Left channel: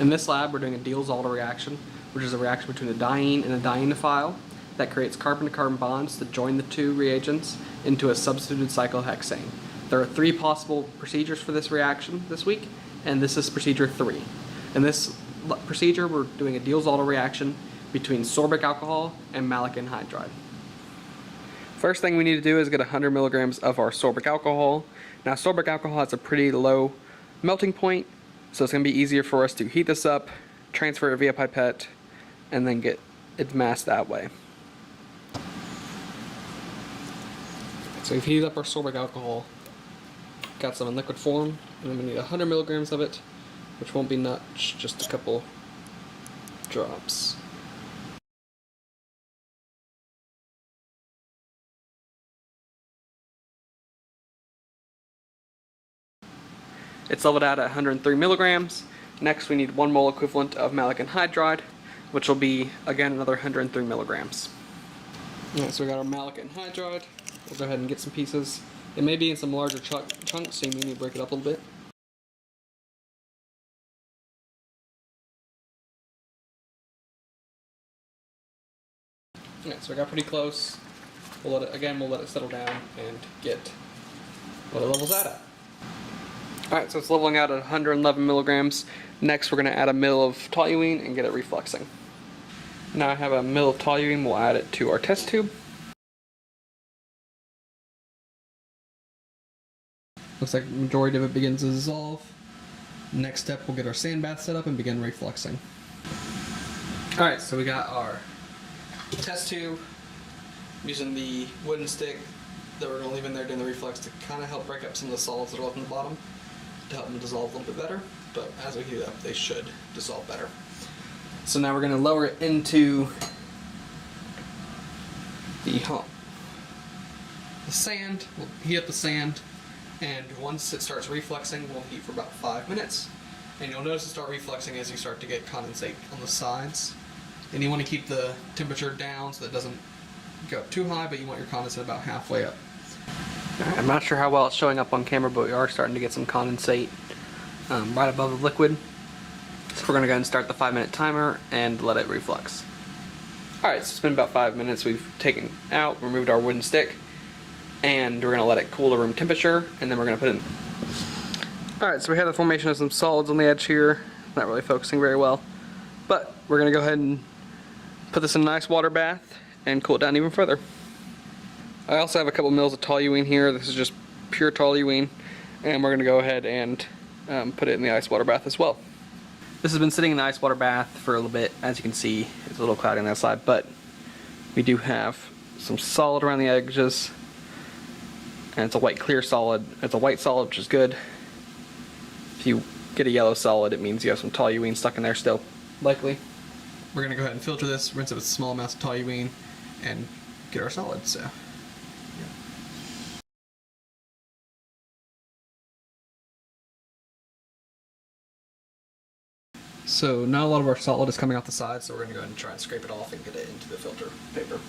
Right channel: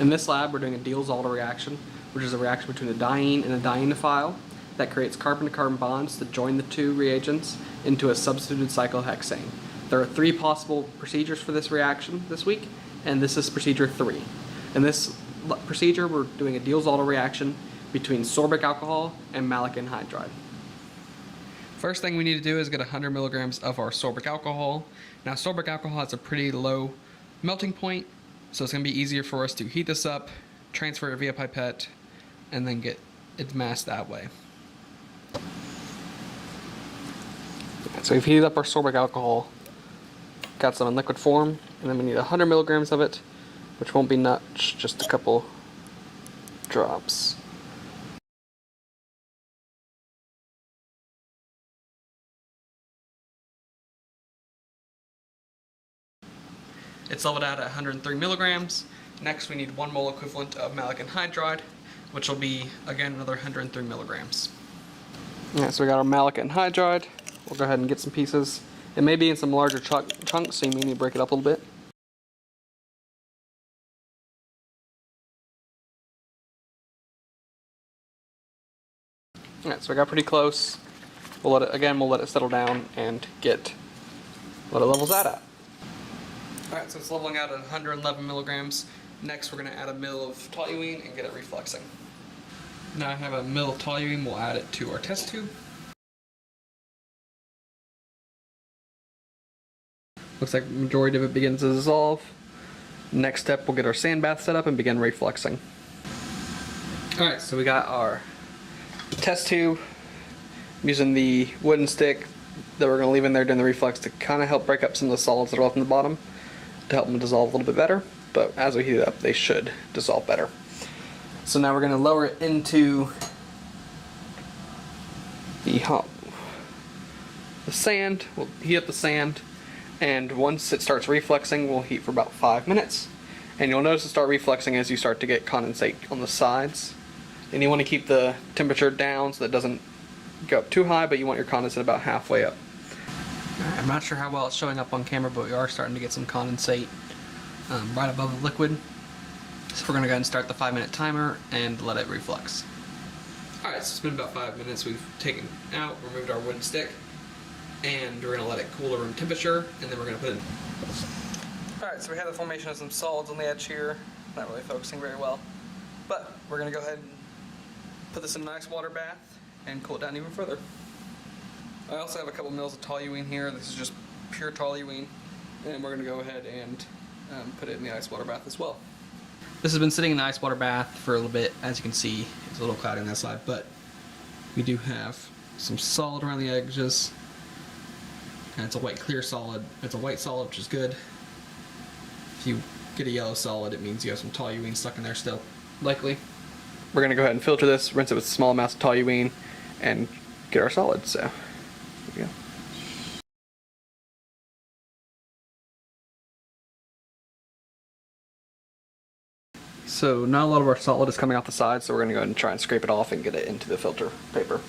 In this lab, we're doing a Diels Alder reaction, which is a reaction between a diene and a dienophile that creates carbon-to-carbon bonds that join the two reagents into a substituted cyclohexane. There are 3 possible procedures for this reaction this week, and this is procedure 3. In this procedure, we're doing a Diels Alder reaction between sorbic alcohol and malic anhydride. First thing we need to do is get 100 milligrams of our sorbic alcohol. Now, sorbic alcohol has a pretty low melting point, so it's going to be easier for us to heat this up, transfer it via pipette, and then get its mass that way. So we've heated up our sorbic alcohol, got some in liquid form, and then we need 100 milligrams of it, which won't be much, just a couple drops. It's leveled out at 103 milligrams. Next we need 1 mole equivalent of malic anhydride, which will be, again, another 103 milligrams. Alright, so we got our malic anhydride. We'll go ahead and get some pieces. It may be in some larger chunks, so you may need to break it up a little bit. Alright, so we got pretty close. We'll let it settle down and get what it levels out at. Alright, so it's leveling out at 111 milligrams. Next, we're going to add a ml of toluene and get it refluxing. Now I have a ml of toluene, we'll add it to our test tube. Looks like the majority of it begins to dissolve. Next step, we'll get our sand bath set up and begin refluxing. Alright, so we got our test tube. I'm using the wooden stick that we're going to leave in there during the reflux to kind of help break up some of the solids that are left in the bottom, to help them dissolve a little bit better, but as we heat it up they should dissolve better. So now we're going to lower it into the sand. We'll heat up the sand, and once it starts refluxing we'll heat for about 5 minutes, and you'll notice it start refluxing as you start to get condensate on the sides. And you want to keep the temperature down so that it doesn't go up too high, but you want your condensate about halfway up. I'm not sure how well it's showing up on camera, but we are starting to get some condensate right above the liquid. So we're going to go ahead and start the 5-minute timer and let it reflux. Alright, so it's been about 5 minutes. We've taken out, removed our wooden stick, and we're going to let it cool to room temperature, and then we're going to put it in. Alright, so we have the formation of some solids on the edge here. Not really focusing very well. But we're going to go ahead and put this in an ice water bath and cool it down even further. I also have a couple mils of toluene here. This is just pure toluene, and we're going to go ahead and put it in the ice water bath as well. This has been sitting in the ice water bath for a little bit. As you can see, it's a little cloudy on that side, but we do have some solid around the edges, and it's a white clear solid. It's a white solid, which is good. If you get a yellow solid, it means you have some toluene stuck in there still, likely. We're going to go ahead and filter this, rinse it with small amounts of toluene, and get our solid. So, there you go. So not a lot of our solid is coming off the side, so we're going to go ahead and try and scrape it off and get it into the filter paper.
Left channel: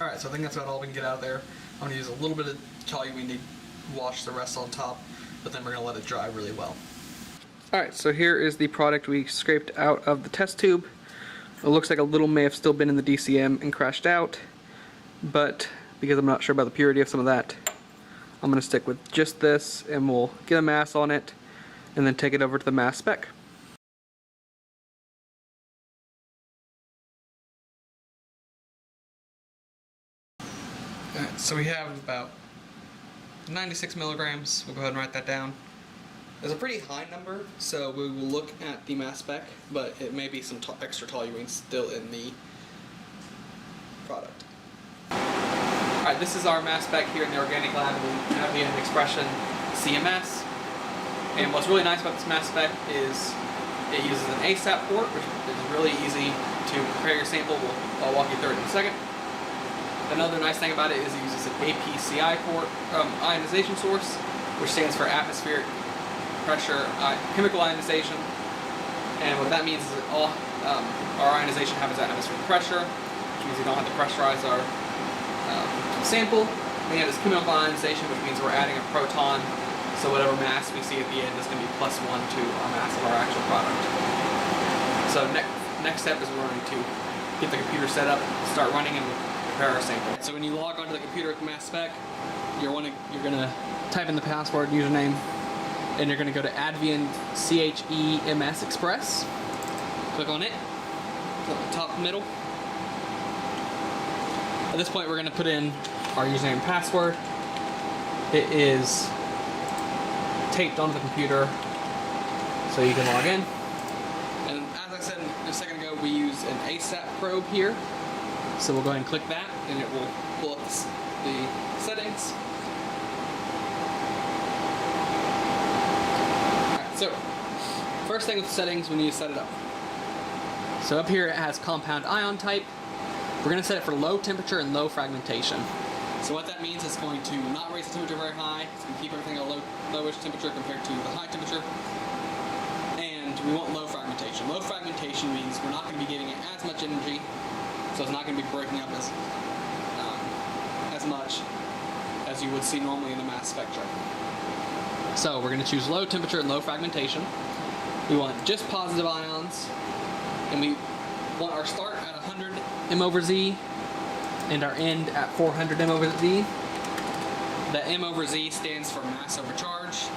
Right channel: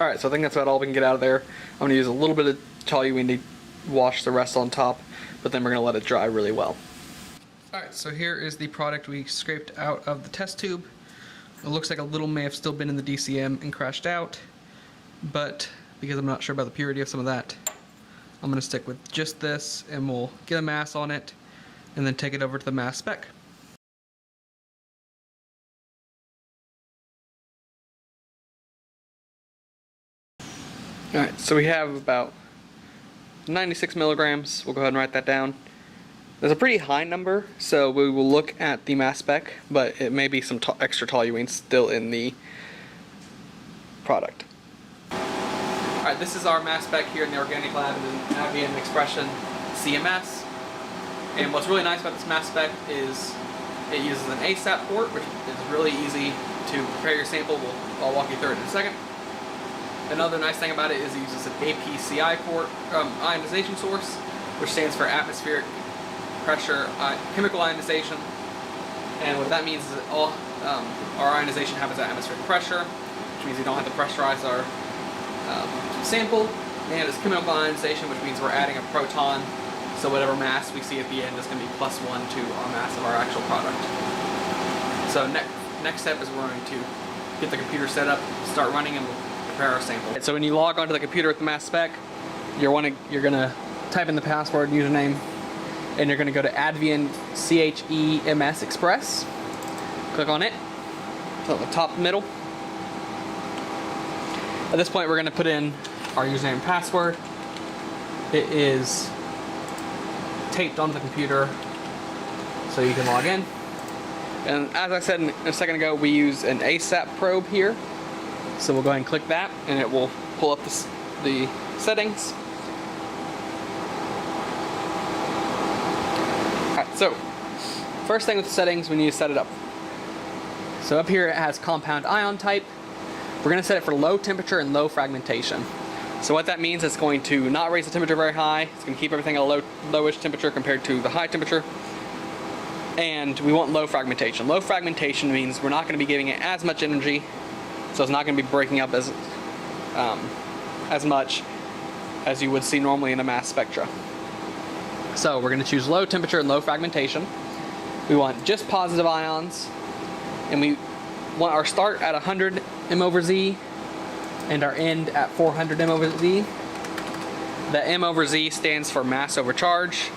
Alright, so I think that's about all we can get out of there. I'm going to use a little bit of toluene to wash the rest on top, but then we're going to let it dry really well. Alright, so here is the product we scraped out of the test tube. It looks like a little may have still been in the DCM and crashed out, but because I'm not sure about the purity of some of that, I'm going to stick with just this, and we'll get a mass on it, and then take it over to the mass spec. Alright, so we have about 96 milligrams. We'll go ahead and write that down. There's a pretty high number, so we will look at the mass spec, but it may be some extra toluene still in the product. Alright, this is our mass spec here in the organic lab in the Advient Expression CMS. And what's really nice about this mass spec is it uses an ASAP port, which is really easy to prepare your sample. I'll walk you through it in a second. Another nice thing about it is it uses an APCI port, ionization source, which stands for atmospheric pressure chemical ionization. And what that means is that all our ionization happens at atmospheric pressure, which means we don't have to pressurize our sample. And it's chemical ionization, which means we're adding a proton, so whatever mass we see at the end is going to be +1 to our mass of our actual product. So next step is we're going to get the computer set up, start running, and prepare our sample. So when you log onto the computer with the mass spec, you're going to type in the password and username, and you're going to go to Advient CHEMS Express. Click on it. It's at the top middle. At this point, we're going to put in our username and password. It is taped onto the computer so you can log in. And as I said a second ago, we use an ASAP probe here. So we'll go ahead and click that, and it will pull up the settings. Alright, so first thing with the settings, we need to set it up. So up here it has compound ion type. We're going to set it for low temperature and low fragmentation. So what that means is it's going to not raise the temperature very high. It's going to keep everything at a lowish temperature compared to the high temperature. And we want low fragmentation. Low fragmentation means we're not going to be giving it as much energy, so it's not going to be breaking up as much as you would see normally in a mass spectra. So we're going to choose low temperature and low fragmentation. We want just positive ions, and we want our start at 100 m/Z and our end at 400 m/Z. The m/Z stands for mass over charge.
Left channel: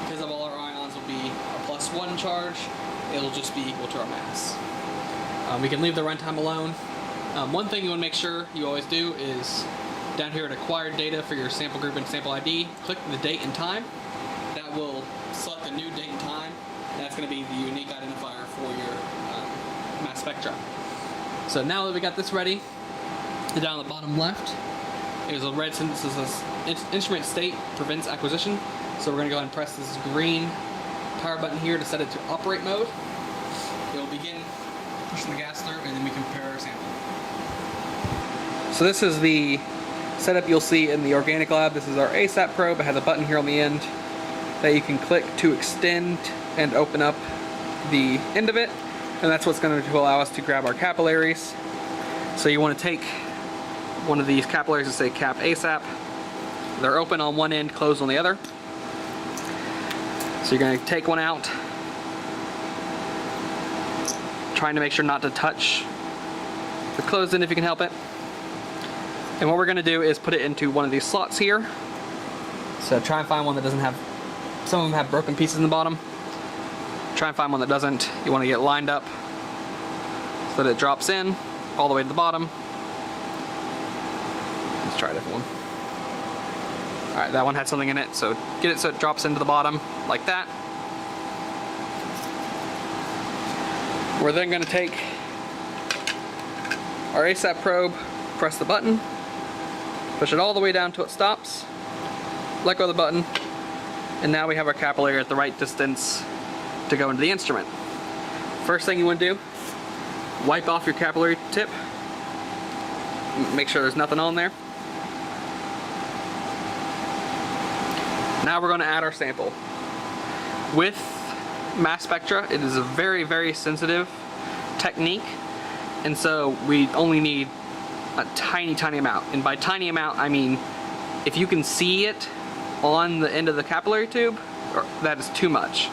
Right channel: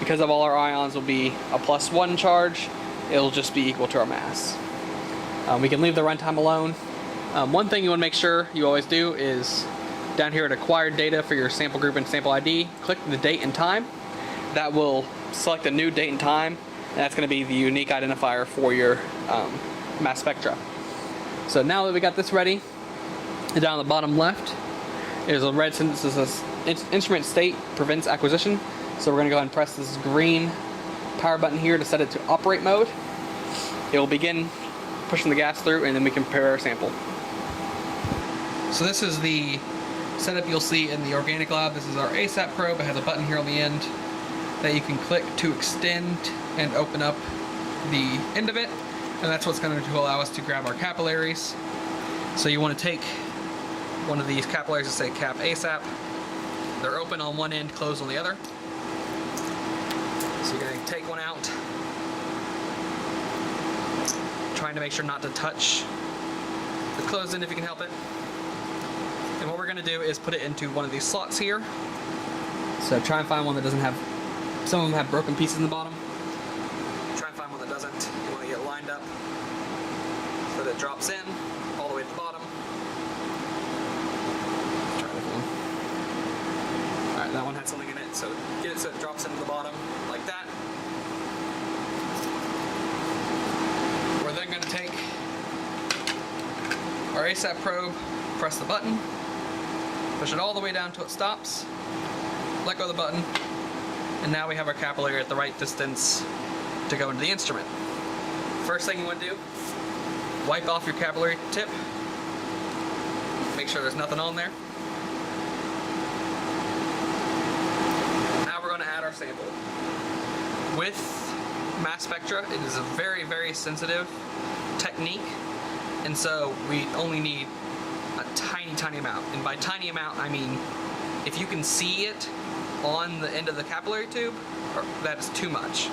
Because of all our ions will be a +1 charge, it'll just be equal to our mass. We can leave the runtime alone. One thing you want to make sure you always do is down here at acquired data for your sample group and sample ID, click the date and time. That will select a new date and time, and that's going to be the unique identifier for your mass spectra. So now that we got this ready, down the bottom left is a red sentence that says instrument state prevents acquisition. So we're going to go ahead and press this green power button here to set it to operate mode. It will begin pushing the gas through, and then we can prepare our sample. So this is the setup you'll see in the organic lab. This is our ASAP probe. It has a button here on the end that you can click to extend and open up the end of it, and that's what's going to allow us to grab our capillaries. So you want to take one of these capillaries and say cap ASAP. They're open on one end, closed on the other. So you're going to take one out, trying to make sure not to touch the closed end if you can help it. And what we're going to do is put it into one of these slots here. So try and find one that doesn't have, some of them have broken pieces in the bottom. Try and find one that doesn't. You want to get it lined up so that it drops in all the way to the bottom. Let's try a different one. Alright, that one had something in it, so get it so it drops into the bottom, like that. We're then going to take our ASAP probe, press the button, push it all the way down till it stops, let go of the button, and now we have our capillary at the right distance to go into the instrument. First thing you want to do, wipe off your capillary tip, make sure there's nothing on there. Now we're going to add our sample. With mass spectra, it is a very, very sensitive technique, and so we only need a tiny, tiny amount. And by tiny amount, I mean if you can see it on the end of the capillary tube, that is too much.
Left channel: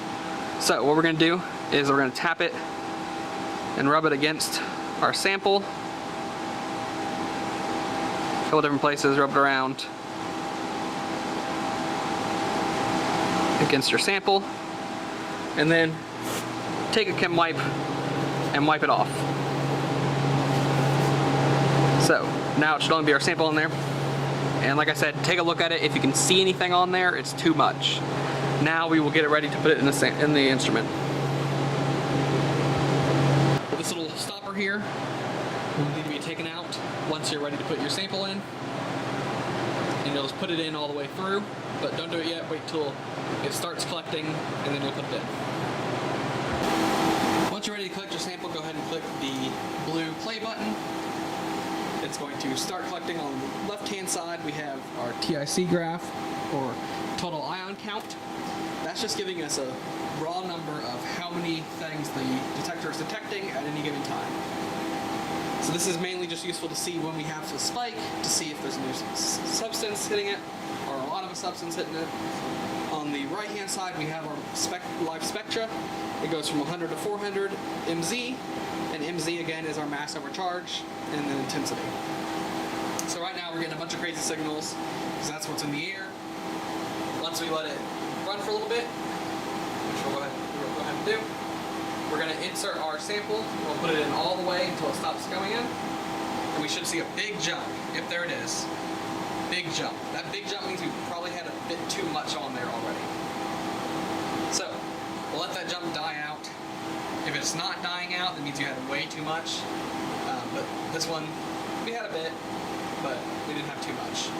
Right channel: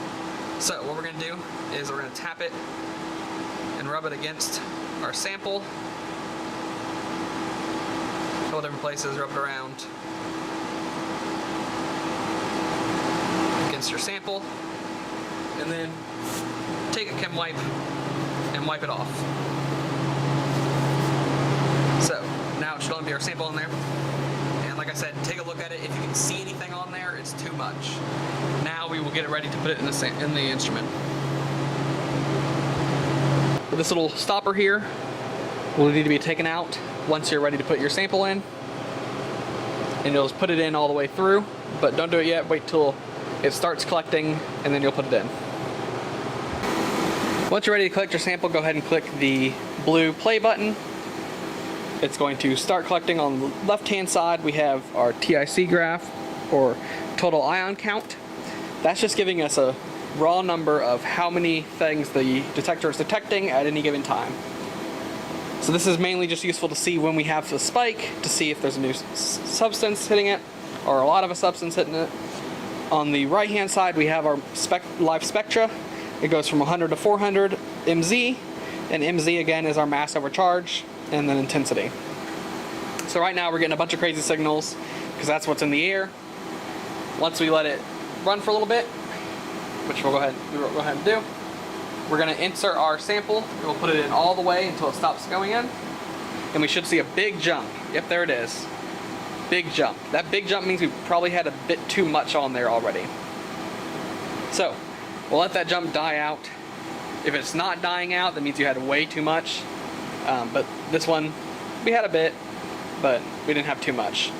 So what we're going to do is we're going to tap it and rub it against our sample. A couple different places, rub it around. against your sample, and then take a chem wipe and wipe it off. So now it should only be our sample in there. And like I said, take a look at it. If you can see anything on there, it's too much. Now we will get it ready to put it in the instrument. With this little stopper here will need to be taken out once you're ready to put your sample in. And you'll just put it in all the way through, but don't do it yet. Wait till it starts collecting, and then you'll put it in. Once you're ready to collect your sample, go ahead and click the blue play button. It's going to start collecting. On the left-hand side, we have our TIC graph, or total ion count. That's just giving us a raw number of how many things the detector is detecting at any given time. So this is mainly just useful to see when we have the spike, to see if there's a new substance hitting it, or a lot of a substance hitting it. On the right-hand side, we have our live spectra. It goes from 100 to 400 MZ, and MZ again is our mass over charge, and then intensity. So right now we're getting a bunch of crazy signals because that's what's in the air. Once we let it run for a little bit, which we'll go ahead and do, we're going to insert our sample. We'll put it in all the way until it stops going in, and we should see a big jump. Yep, there it is. Big jump. That big jump means we probably had a bit too much on there already. So we'll let that jump die out. If it's not dying out, that means you had way too much. But this one, we had a bit, but we didn't have too much.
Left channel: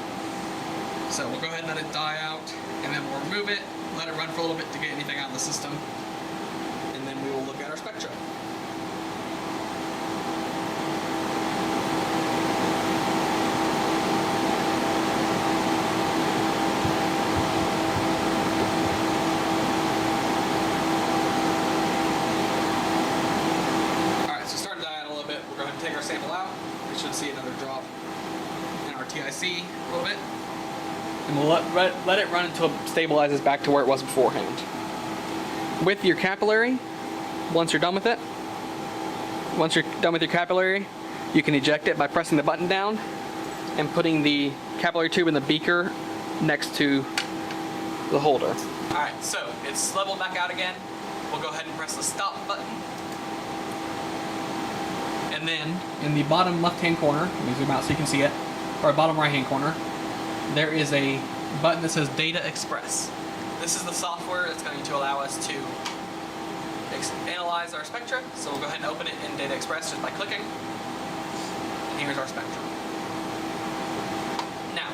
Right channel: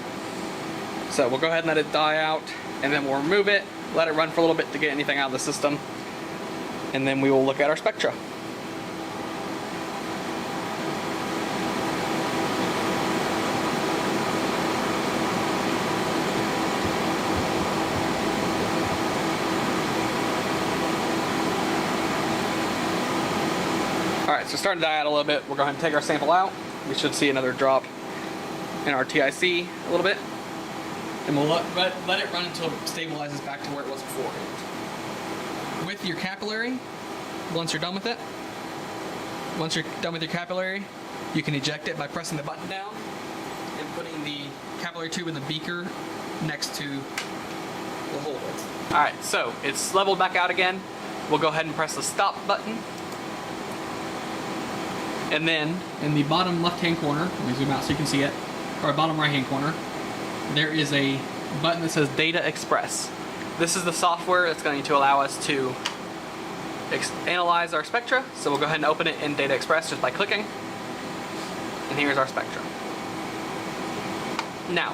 So we'll go ahead and let it die out, and then we'll remove it, let it run for a little bit to get anything out of the system, and then we will look at our spectra. So starting to die out a little bit, we'll go ahead and take our sample out. We should see another drop in our TIC a little bit. And we'll let it run until it stabilizes back to where it was beforehand. With your capillary, once you're done with it, once you're done with your capillary, you can eject it by pressing the button down and putting the capillary tube in the beaker next to the holder. Alright, so it's leveled back out again. We'll go ahead and press the stop button. And then in the bottom left-hand corner, let me zoom out so you can see it, or bottom right-hand corner, there is a button that says Data Express. This is the software that's going to allow us to analyze our spectra. So we'll go ahead and open it in Data Express just by clicking. And here's our spectra. Now,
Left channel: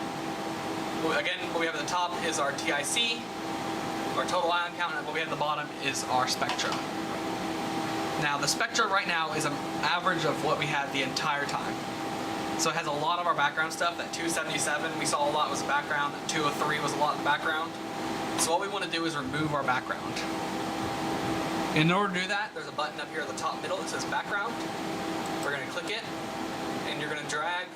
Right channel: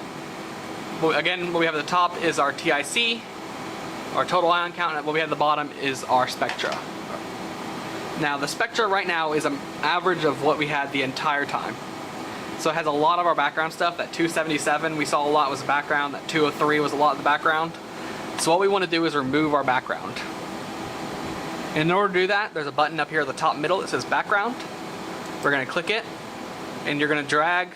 again, what we have at the top is our TIC, our total ion count, and what we have at the bottom is our spectra. Now, the spectra right now is an average of what we had the entire time. So it has a lot of our background stuff. That 277 we saw a lot was background. That 203 was a lot of background. So what we want to do is remove our background. In order to do that, there's a button up here at the top middle that says background. We're going to click it, and you're going to drag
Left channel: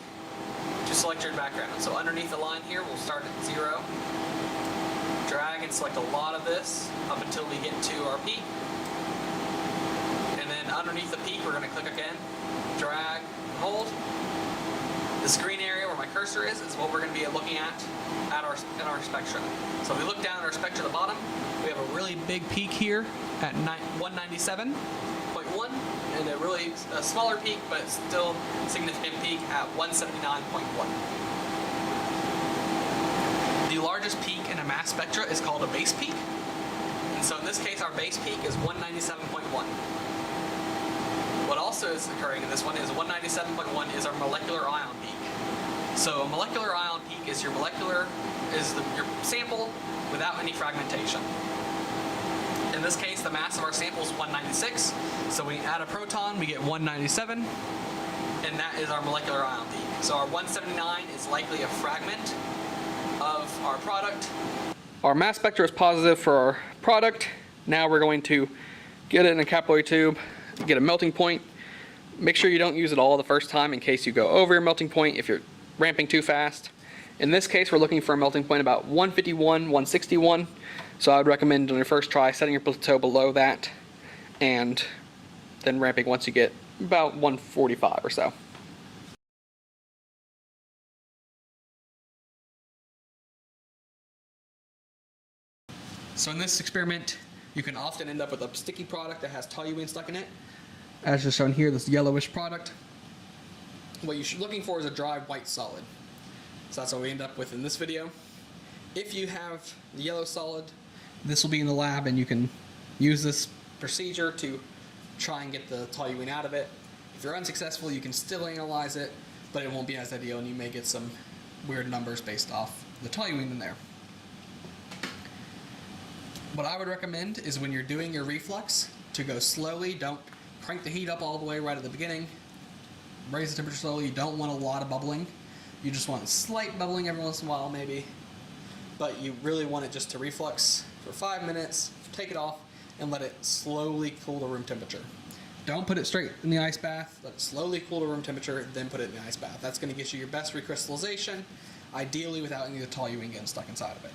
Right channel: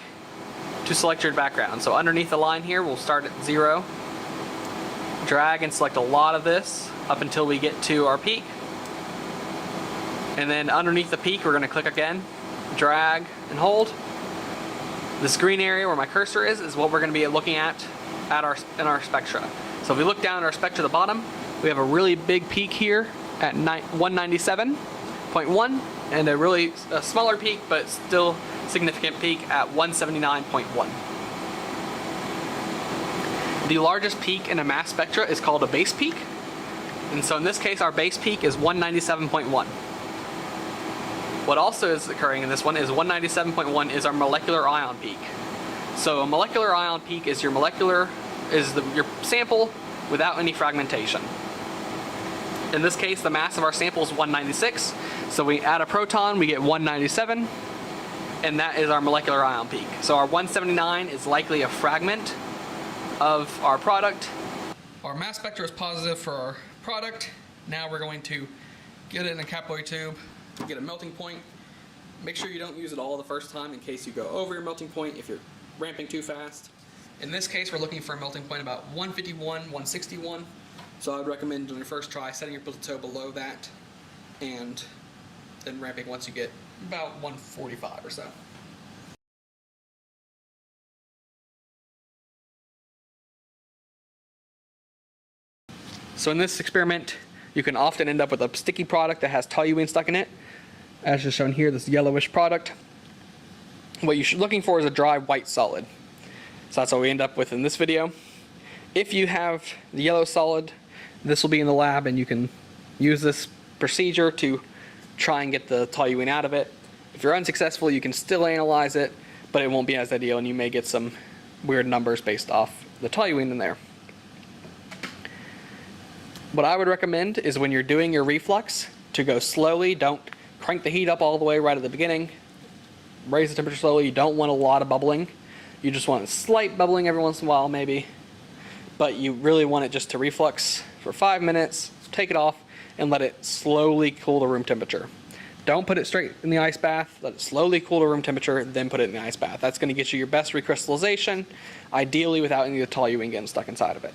to select your background. So underneath the line here, we'll start at 0. Drag and select a lot of this up until we get to our peak. And then underneath the peak, we're going to click again, drag, and hold. This green area where my cursor is what we're going to be looking at in our spectra. So if we look down at our spectra at the bottom, we have a really big peak here at 197.1, and a really smaller peak, but still significant peak at 179.1. The largest peak in a mass spectra is called a base peak. And so in this case, our base peak is 197.1. What also is occurring in this one is 197.1 is our molecular ion peak. So a molecular ion peak is your your sample without any fragmentation. In this case, the mass of our sample is 196. So we add a proton, we get 197, and that is our molecular ion peak. So our 179 is likely a fragment of our product. Our mass spectra is positive for our product. Now we're going to get it in a capillary tube, get a melting point. Make sure you don't use it all the first time in case you go over your melting point if you're ramping too fast. In this case, we're looking for a melting point about 151, 161. So I would recommend on your first try setting your plateau below that and then ramping once you get about 145 or so. So in this experiment, you can often end up with a sticky product that has toluene stuck in it. As is shown here, this yellowish product. What you're looking for is a dry white solid. So that's what we end up with in this video. If you have the yellow solid, this will be in the lab and you can use this procedure to try and get the toluene out of it. If you're unsuccessful, you can still analyze it, but it won't be as ideal and you may get some weird numbers based off the toluene in there. What I would recommend is when you're doing your reflux to go slowly. Don't crank the heat up all the way right at the beginning. Raise the temperature slowly. You don't want a lot of bubbling. You just want a slight bubbling every once in a while maybe. But you really want it just to reflux for 5 minutes, take it off, and let it slowly cool to room temperature. Don't put it straight in the ice bath. Let it slowly cool to room temperature, then put it in the ice bath. That's going to get you your best recrystallization, ideally without any of the toluene getting stuck inside of it.